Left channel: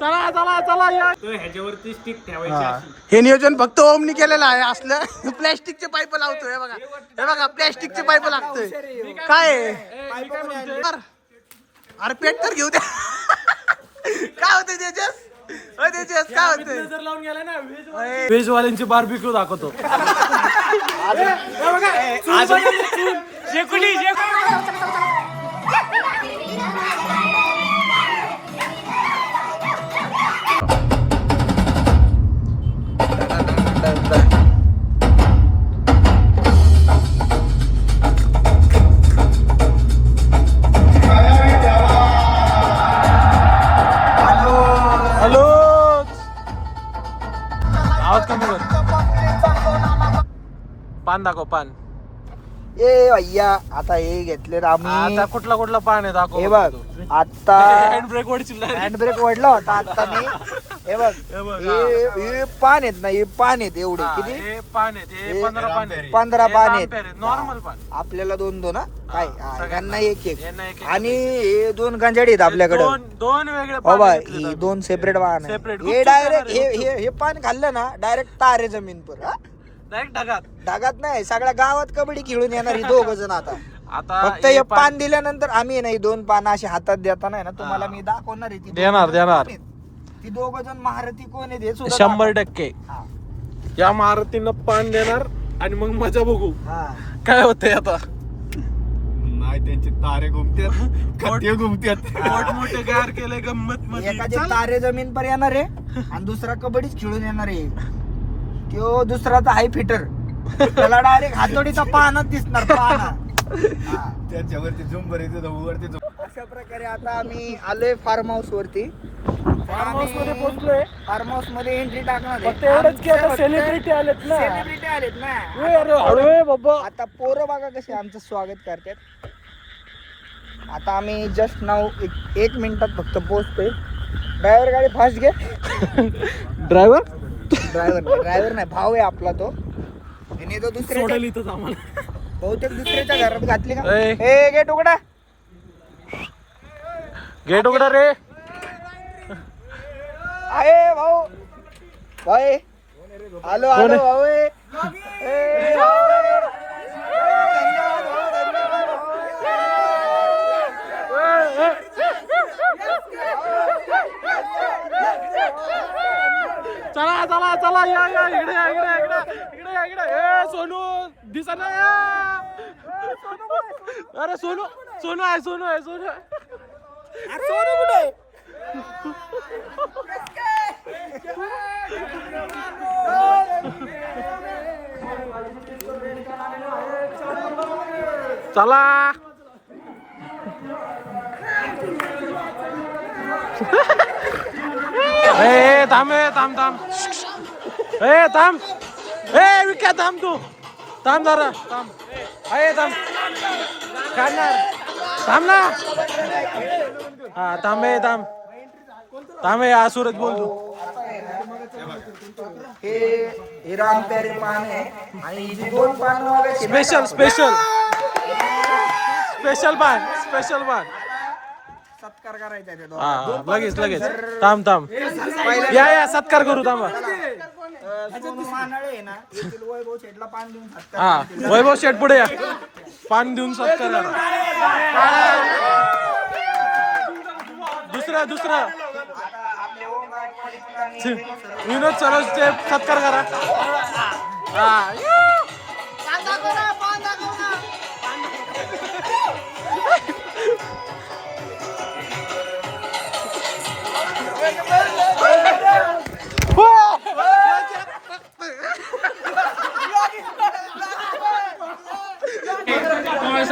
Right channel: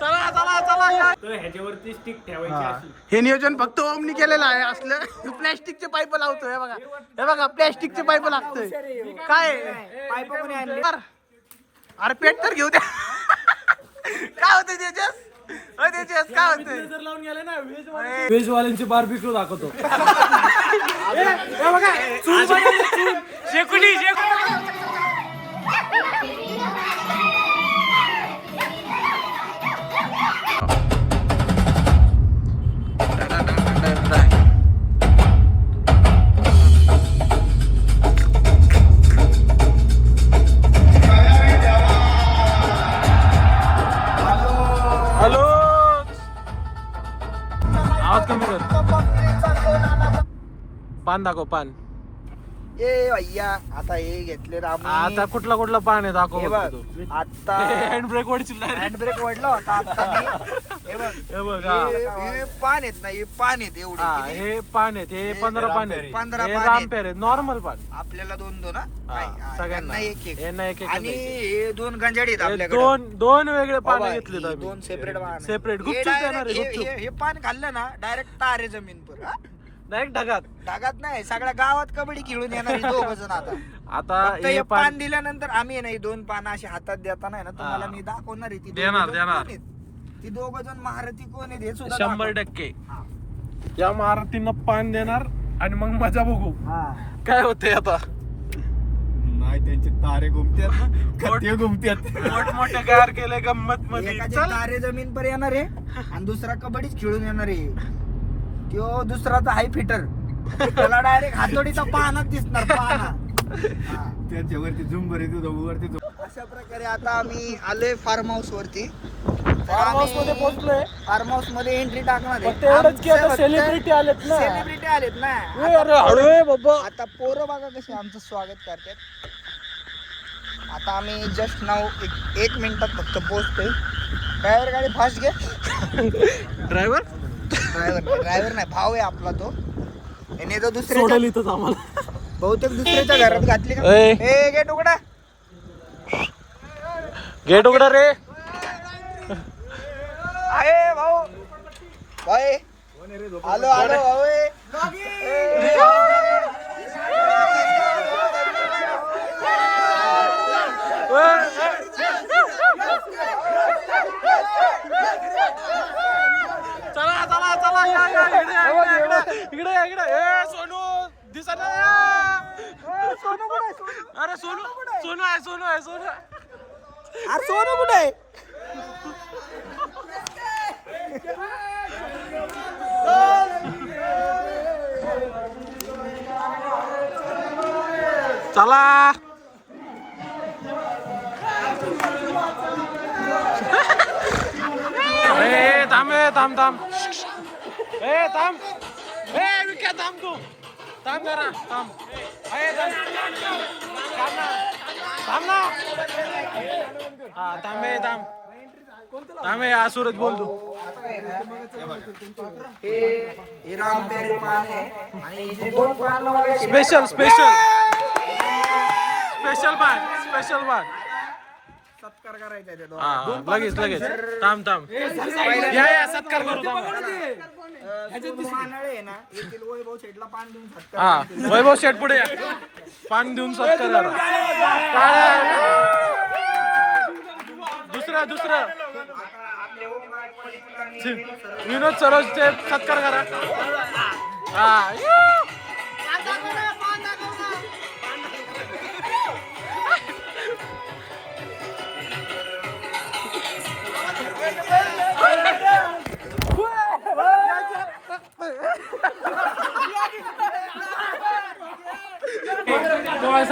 चला चला चला या ह्याच्यावरती स्टिक ठेवायची. हे नियोजन फक्त ओमनी केलेलं आहे. असलं प्लॅस्टिकचे पाईप लावतोय. हे बघा प्लॅस्टिकचे पाईप लागतोय. काय अरे पेट तर घेऊ द्या. काय होतंय त्याच्यात? काय होतंय? जर लावून गेला ना व्हेज वाल्यांची बार्बिक्यू दाखवतो. शेकुली हॅलो आवाज कमी कर. पान दाखव पान. ए भैया आता हे घेतले आता कुठला पान आहे दाखव. हे बघ आता हँड ब्रेक वडशील. हँड ब्रेक वडला होता आता मी. हे बघ हे पान आहेत ना. हे पान आहेत एवढे. हे पान आहेत. हे 15 पान आहेत. 15 पान आहेत. नॉर्मल पान. आपल्याला 2 सगळ्यांना एक आणि हे 2 गंजाडी आहेत आपल्याकडे. दोन वेगळे पान घेतले. 2 सेपरेट पान सेपरेट. हे पान खाल्लं ना डायरेक्ट तारे जमीन पर. डायरेक्ट ढगात नाही सगळ्या गावात कबड्डी खेळून येणार 2 जण. आता हे पान दिल्यानंतर आम्ही नाही 2 पान अशी हातात देता नाही ना तुम्हाला मी दाखवणार आहे. देणार ती 2 जण महारथी कोण आहेत हे सुद्धा 100%. या महारथीनं पान देणार आणि मग मजा बघू काय होतंय. आता नाही त्यांचे तारे घुमतात. खट्टे घुमतात. मोठमोठे गार केले गंमत मध्ये. एकाचे तारे जमीन पर येणार आहे आणि दुसरा कबड्डीच खेळून येणार आहे. तो दुसरा तर हाय फिटर. त्याला डायरेक्ट हातोडीचा पानच दिसणार. त्याच्यावरती झुंबर वरती. अशा प्रकारे आता आम्ही आलोय फार्म हाऊस वरती. फार्म हाऊस मध्ये पोहोचलोय. फार्म हाऊस मध्ये एंट्री टाकणार फक्त एवढंच की आता सेलिब्रिटी आलेत ना. आता बाबा आता पोरं बघा कशी आमचं स्वागत करतात. आता आम्ही जस्ट नाव 1 मिनिटात फक्त पोहोचतोय. ड्रायव्हर गाडी फास्ट घे. ड्रायव्हर नाही भाऊ आहे आपला तो. याने तो दुसऱ्या सोडेल इथंच आम्हाला. बहुतेक दुसऱ्याच्या घरात घातली का. ए. ए गेट उघडा. गेट उघडा रे. आहे भाऊ भाई आलो भाऊ. चला चला या इकडे. ए सोनू दिसत नाही. अरे सोनू आहे. सोनू कुठे आहे. चला थांब. विक्या थांब. तू थांब जरा. थांब ना. हा थांब. या सूरज बोल तू. स्पेशल बाग. सत्कार करायचा. हा लगेच. थांब. या सत्कार करू. थांबा. वैभव शेठला पान देऊन सत्कार. हा वैभव शेठ पुढे या. पान देऊन सत्कार करा. दुसरं विनोद सरोजचे सत्कार करा. हा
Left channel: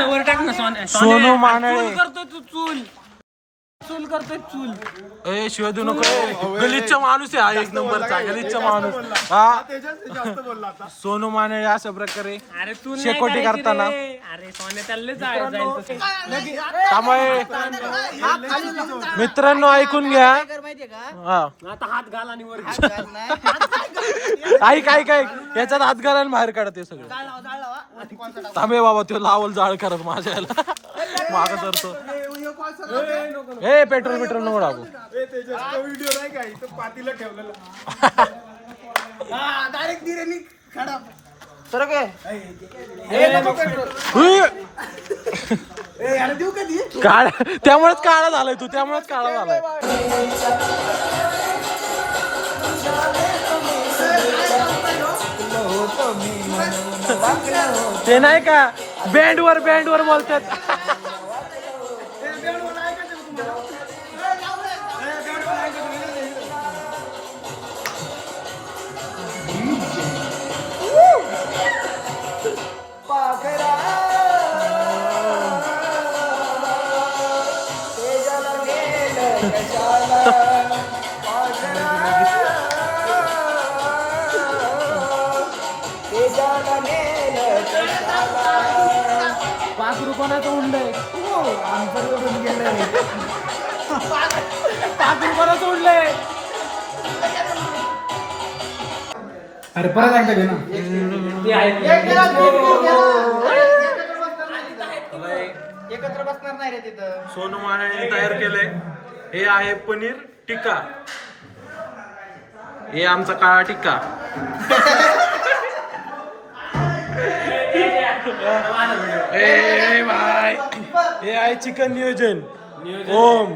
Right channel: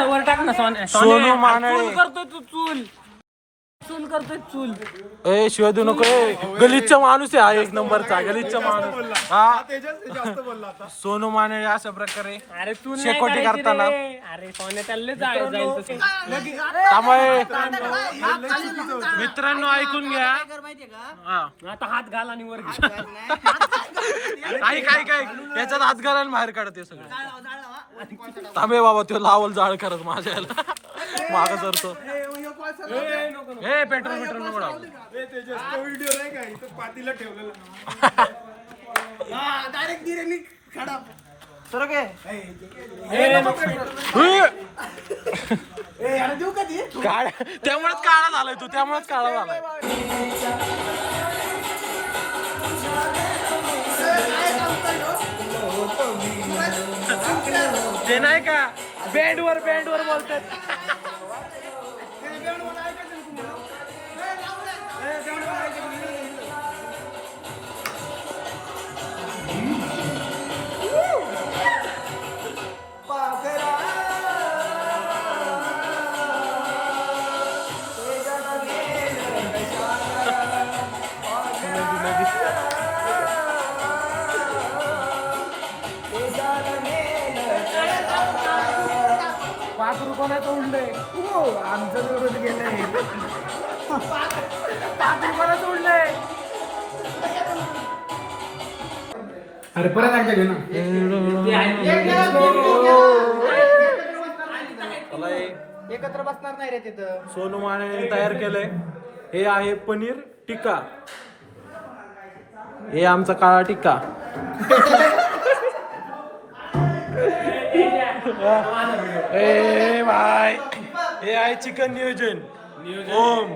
वर टाक ना. सोनू मानळे. चूल करतोय चूल. ए शिवाय देऊ नको. गलिच्चा माणूस आहे. 1 नंबरचा गलिच्चा माणूस. हा सोनू माने अशा प्रकारे शेकोटी करताना त्यामुळे मित्रांनो ऐकून घ्या. हा आता हात घाल आणि वर घे. ऐक याच्यात हात घालायला बाहेर काढते सगळं. थांबे बाबा तो लावल जाळ करत माझ्या याला माग सरतो. हे पेट्रोल नको लावू. व्हिडिओ नाही का इथं पातीला ठेवलेला. डायरेक्ट दिरेनी खडा सर काय याला देऊ कधी काळ त्यामुळेच काळा झालाय तू. त्यामुळेच काळा झालाय. ते नाही का बँडवर बोलतात. पाच रुपयाचं उडलंय. आमचं निवडून गेलंय. पाच रुपयाचं उडलंय. अरे परत एकदा घे ना. एकत्र बसणार नाही रे तिथं. सोनू माने तयार केलंय. हे आहे पनीर टिक्का. हे आमचा काळा टिक्का. ए भाई हे आहे चिकन नियोजन. ओम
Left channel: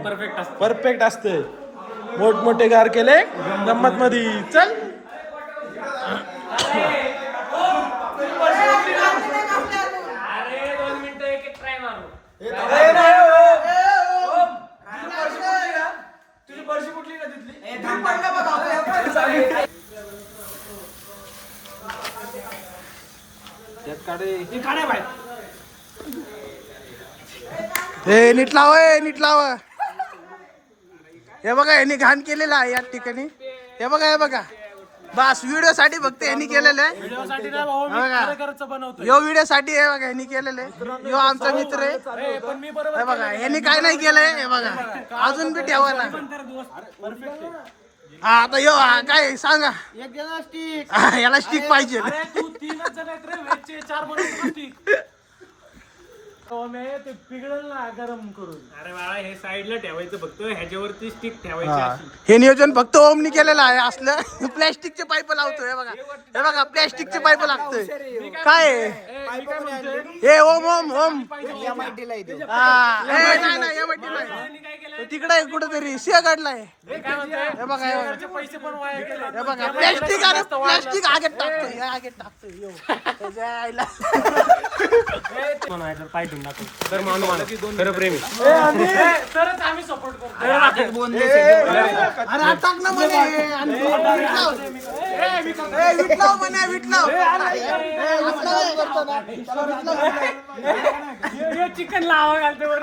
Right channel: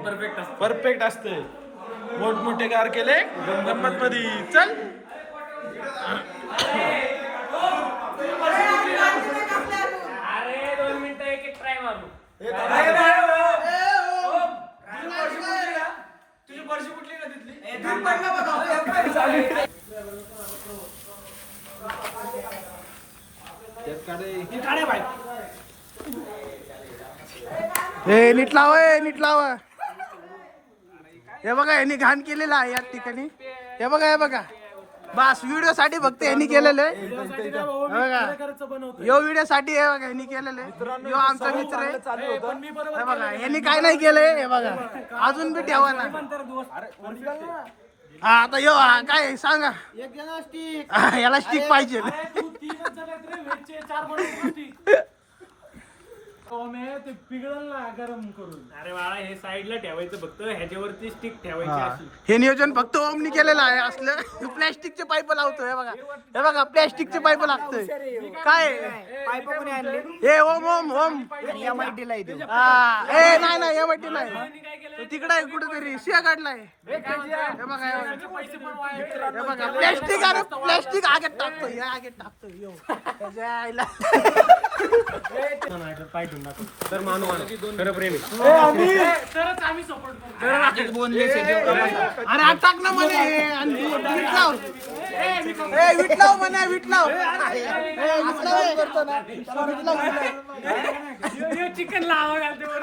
परफेक्ट असते. मोठमोठे गार केले गंमत मध्ये. चल नीट लाव. हे बघा यांनी घाण केलेलं आहे या ठिकाणी. हे बघा बस व्हिडिओ साठी फक्त यांनी केलेलं आहे. यो व्हिडिओ साठी हे बघा यांनी केलेलं आहे. यो आमचा मित्र आहे. हे बघा यांनी काय नाही केलंय. हे बघा अजून बी ठेवा ना. हा आता यो काय सांगा. याला स्टिक पाहिजे. ते पिघळल ना गरम करून. अरे बाळा हे साईडला ठेवायचं फक्त. ह्याच्यावरती स्टिक ठेवायची. हे नियोजन फक्त ओमनी केलेलं आहे. असलं प्लॅस्टिकचे पाईप लावतोय. हे बघा प्लॅस्टिकचे पाईप लागतोय. काय हे ओम नाही एमआयटी नाही. तिकडे कुठेतरी सिया काढलाय. हे बघा प्लॅस्टिक आगेत टाकतोय. पाय ठेवून टाकू. तर खरं प्रेम आहे. तरच आम्ही सपोर्ट करतो. अरे टाक ना चिकन लावा घालते वर.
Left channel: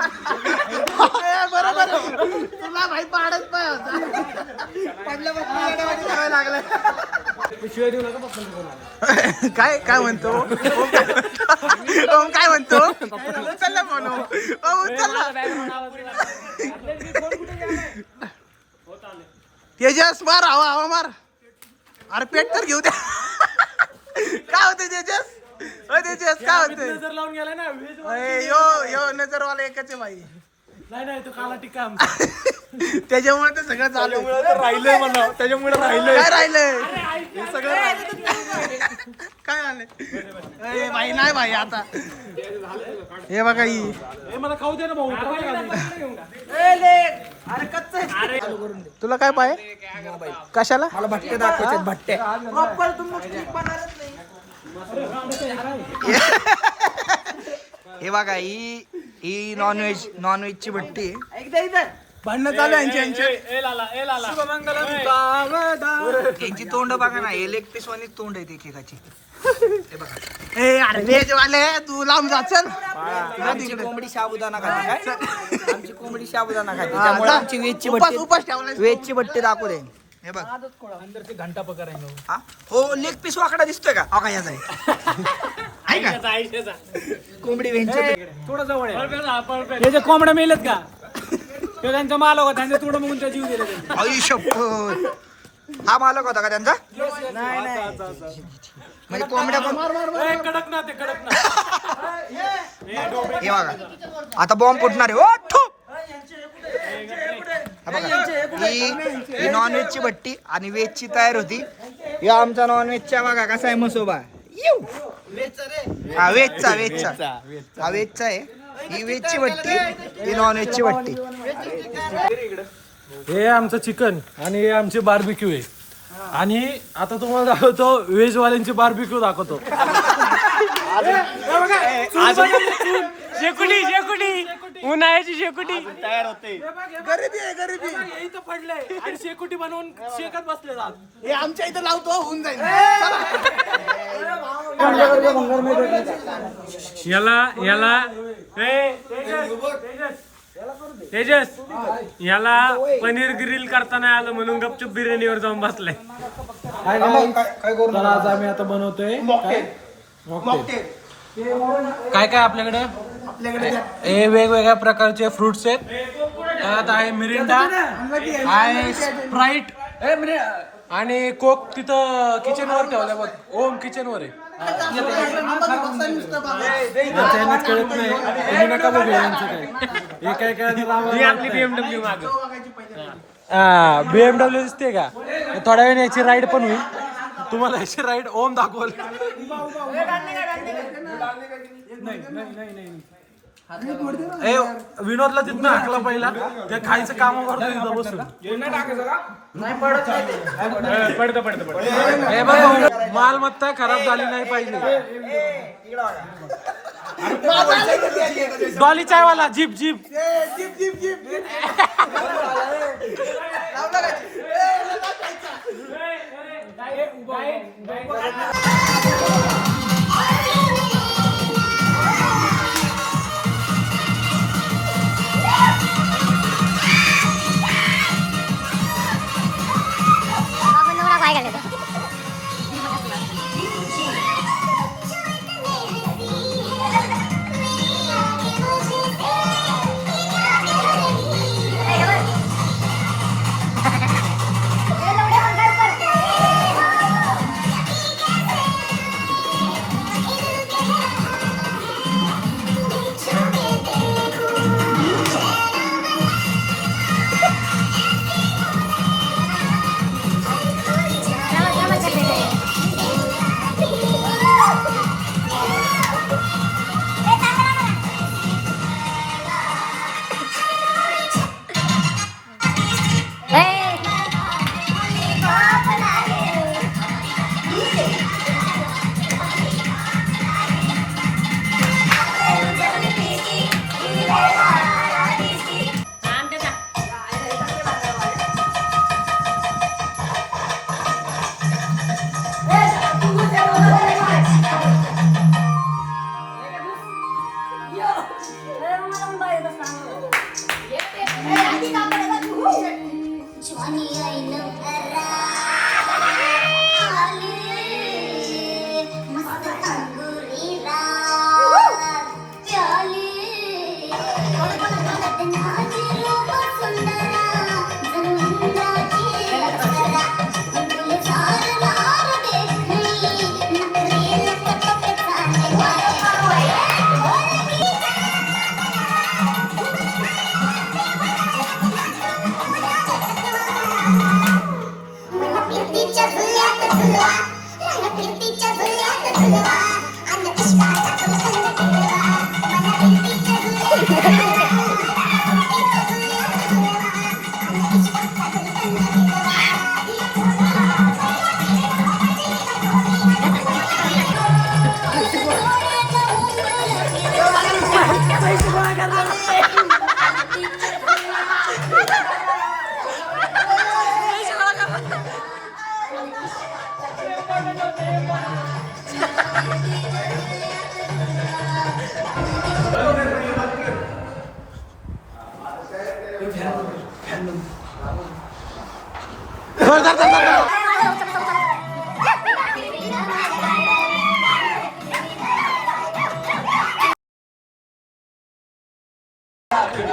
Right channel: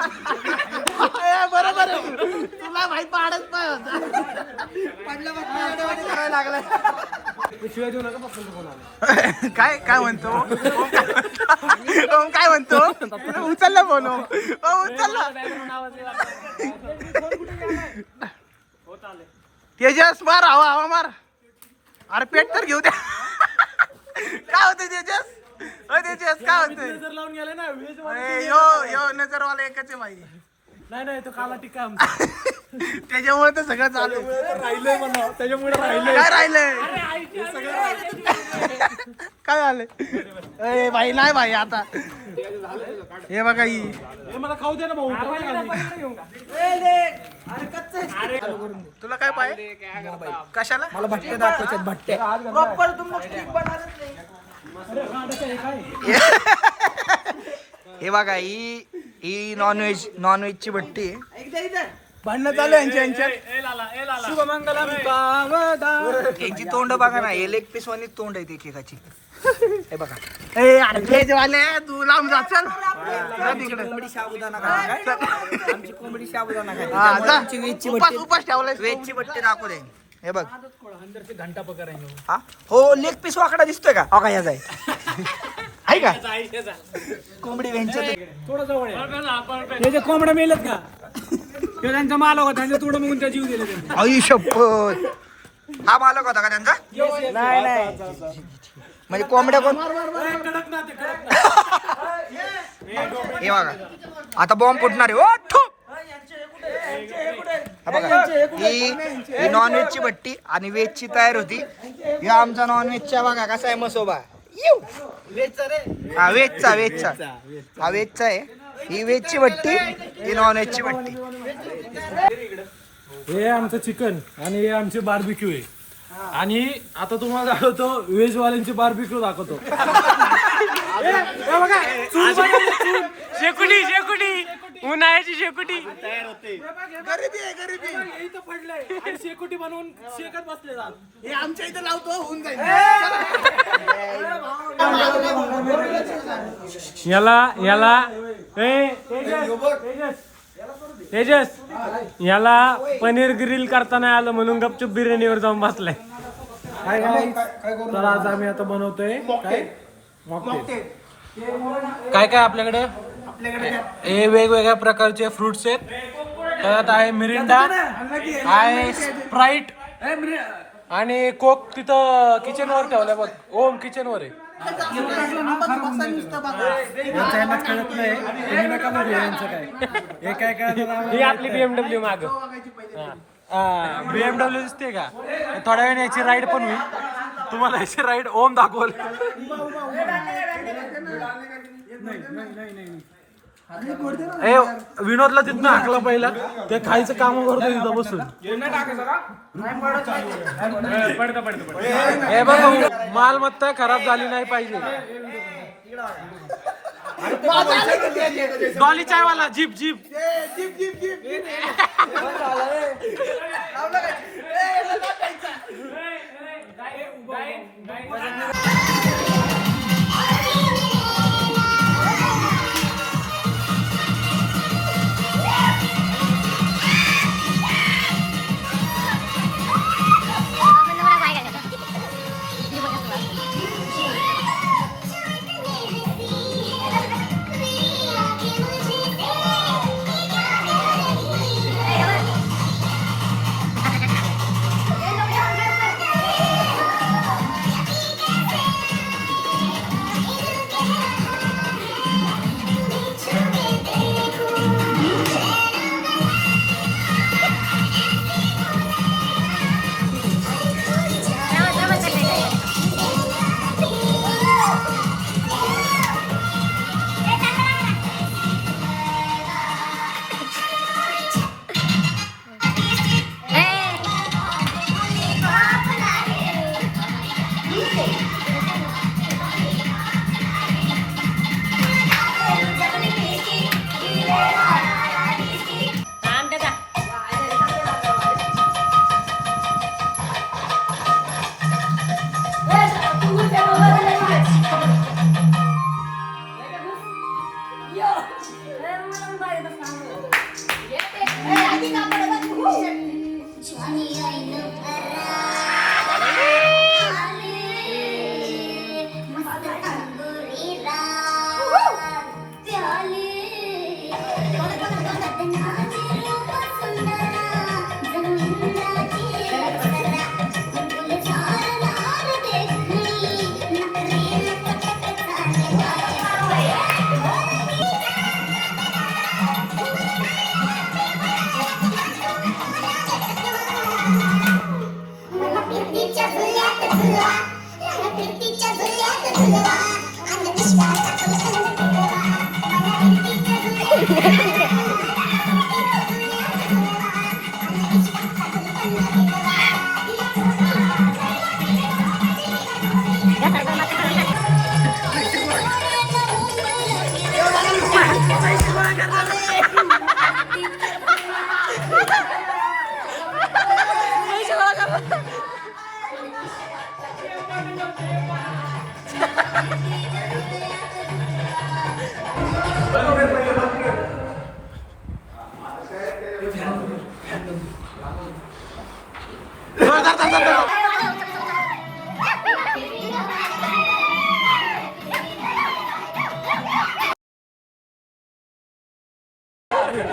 शिवाय देऊ नका पप्पांचा फोन आला. काय म्हणतो ओम काय म्हणतो. उचलला फोन. उचलला. तेजस मार हवा मार. अरे पेट तर घेऊ द्या. काय होतं तेजस. तेजस काय होतं. नजर लावून गेलाय ना. यो नजरवाला एकच आहे भाई. नाही तो काला टिक्का. त्याच्यामुळे तर सगळं चालू राहिलंय म्हणा. त्याच्यामुळे राहिलंय. काय राहिलंय. काय आलंय भाई. नाही भाई आता हे बघा ही. मला खाऊ दे ना भाऊ. अरे कच्च चालू करून दे. तुला काय पाहिजे मोबाईल. कशाला. मला भट्टे दाखवायचे. भट्टे हे बघा ही नॉनव्हेज ची भट्टी आहे. भांडणं चालू यांच्या यांची तोंड बघा ना. हे लेग पीस वाणी तोंड आहे एकेकाची. हे बघा. वाले तू लांब जा. चल कोंबडी साबुदाणा खाते. आमची कोंबडी साबुदाणा खाते. त्यामुळे आमची वेजची भट्टी. उपास ठेवला. वेजची भट्टी दाखवू दे. हे बघ अंदर ते घंटा पकार आहे. हो लेग पीस वाकडा दिसतोय का. हो का याचा आहे. आहे का कोंबडी वेंचर थोडं जवळ आहे हे जे कोंबड्या मेलेत का ते त्यांचा मालक होता त्यांनी तुडं बघून त्या जीव दिला आई शपथ हा मालक होता का त्यांचा नाही नाही म्हणजे कोंबड्या कोण कडक ना ते कडक ना हे बघा आता बॉम्ब फुटणार आहे ओ ठू हा बघा ही नॉनव्हेजची भट्टी आणि व्हेजची तयार होती हे आमचा नॉनव्हेजचा बघा कसा आहे मसोबा हा व्हेजचा हा व्हेजचा आहे ही व्हेजची भट्टी ही नॉनव्हेजची भट्टी हे आमचं चिकन आणि हे आमचे बार्बिक्यू आहे आणि आता तुम्हाला दाखवतो व्हेज वाल्यांचे बार्बिक्यू दाखवतो शेकुटी शेकुटी उन्हाळ्याची शेकुटी तयार होते इथं पडलंय आणि शेकोटी बनवून शेकत बसले जात हे आमच्या इथं लावतो होऊन जाईल याला तेजस याला पनीर ग्रिल करता नाही आलं म्हणून गपचूप बिर्याणीवर जाऊन बसलाय काय तर आज आम्ही आता बनवतोय काय मॉकटेल काय आपल्याकडे हे वेगवेगळ्या प्रकारचे फ्रुट्स आहेत त्यात आहे मिरिंडा आहे स्प्राईट आणि कोक तिथं किचन वर ठेवल्या बघ ओम किचन वर आहे यांचं यांनाच कळत नाही तुम्ही नका बघू यांचं काय हे काय BMW BMW दिसते का थोड्या वेळाने याची राईड पण होईल तुम्हाला याची राईड ओम दाखवल ए विनोदला तिथनं हाकला पहिला ते खायचं काम करतो तिथं बसून हे बघ मालमत्ता खराब झाली नाही पाहिजे डॉली चायवाला जीप जीप चालू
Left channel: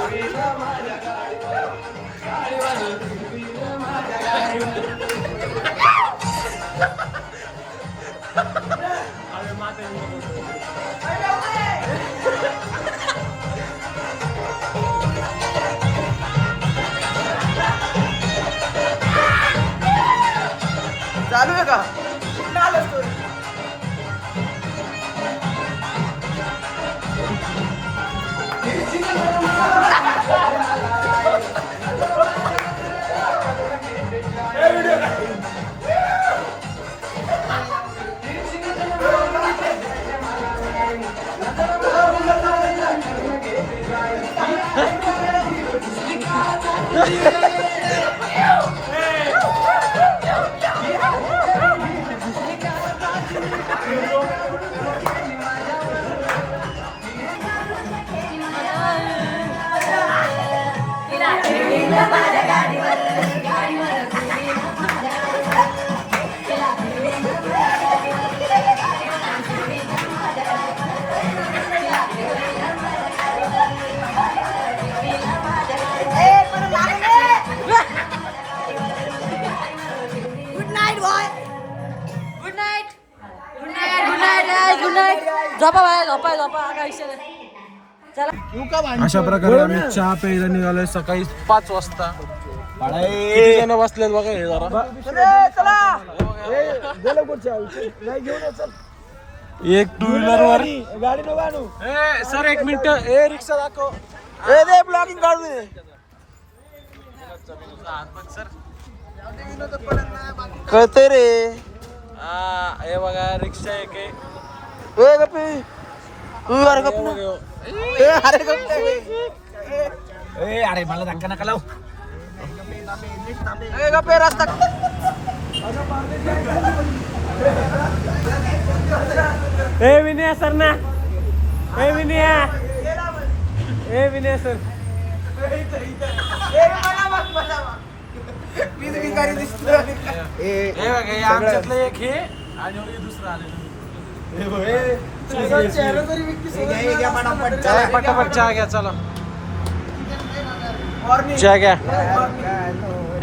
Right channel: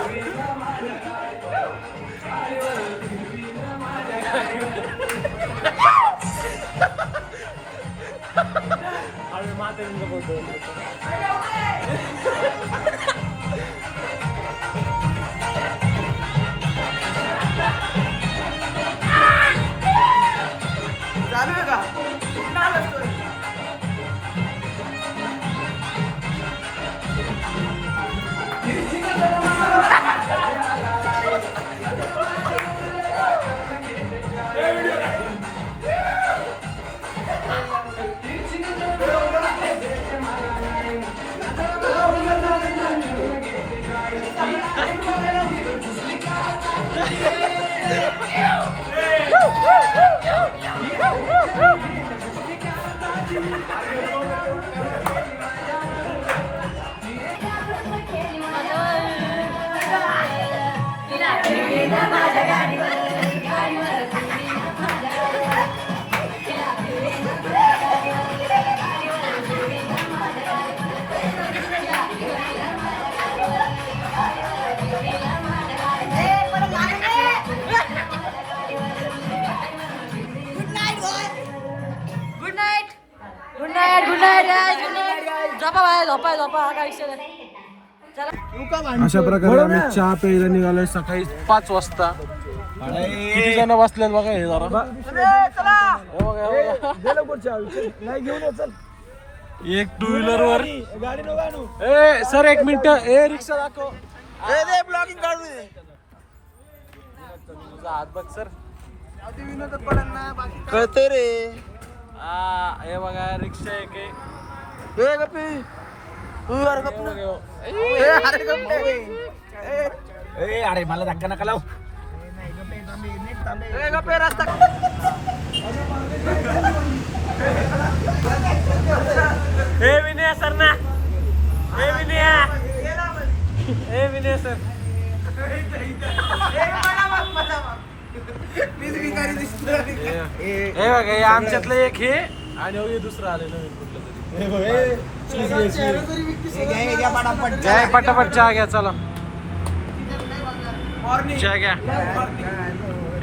आहे का आलं story. अशा प्रकारे आम्ही चहा प्यायला निघालोय सकाळी 5 वाजता. किती जण बसलेत बघा हे जरा. एक 2 व्हीलर वर. ए सर एक मिनिट. ए रिक्षा दाखव. ब्लॉगिंग काढू दे. तुझा हात बघ सर. कळतंय रे. हे बघा रिक्षा एक आहे. अरे मला धक्का नका लाव. रस्ता हे विनय सर ना. हे विनय. हे विनय सर. हे बघा हे आमच्यातलं एक हे आणि हे दुसरं आले नवीन. पटापट चहा घ्या चला. चहा घ्या.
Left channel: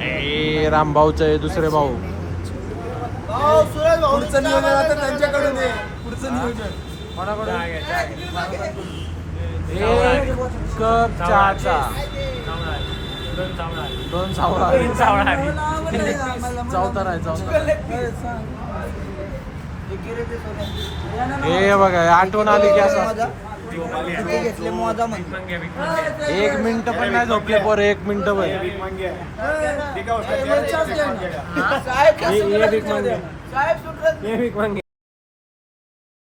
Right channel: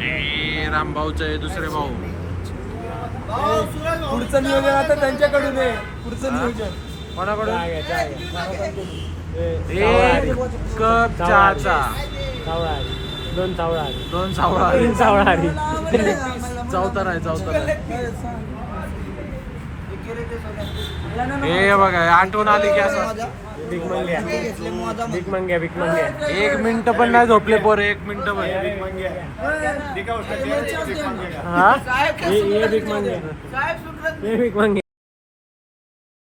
ए रामभाऊचे दुसरे भाऊ. पुढचं नियोजन आता त्यांच्याकडून आहे. पुढचं नियोजन कोणाकडून? एक कप चहाचा 2 सावळा. चौथा नाही चौथा नाही. हे बघा आठवण आली की असं. 1 मिनिट पण नाही झोपले पोर. 1 मिनिट पण. ये भीक मांगे.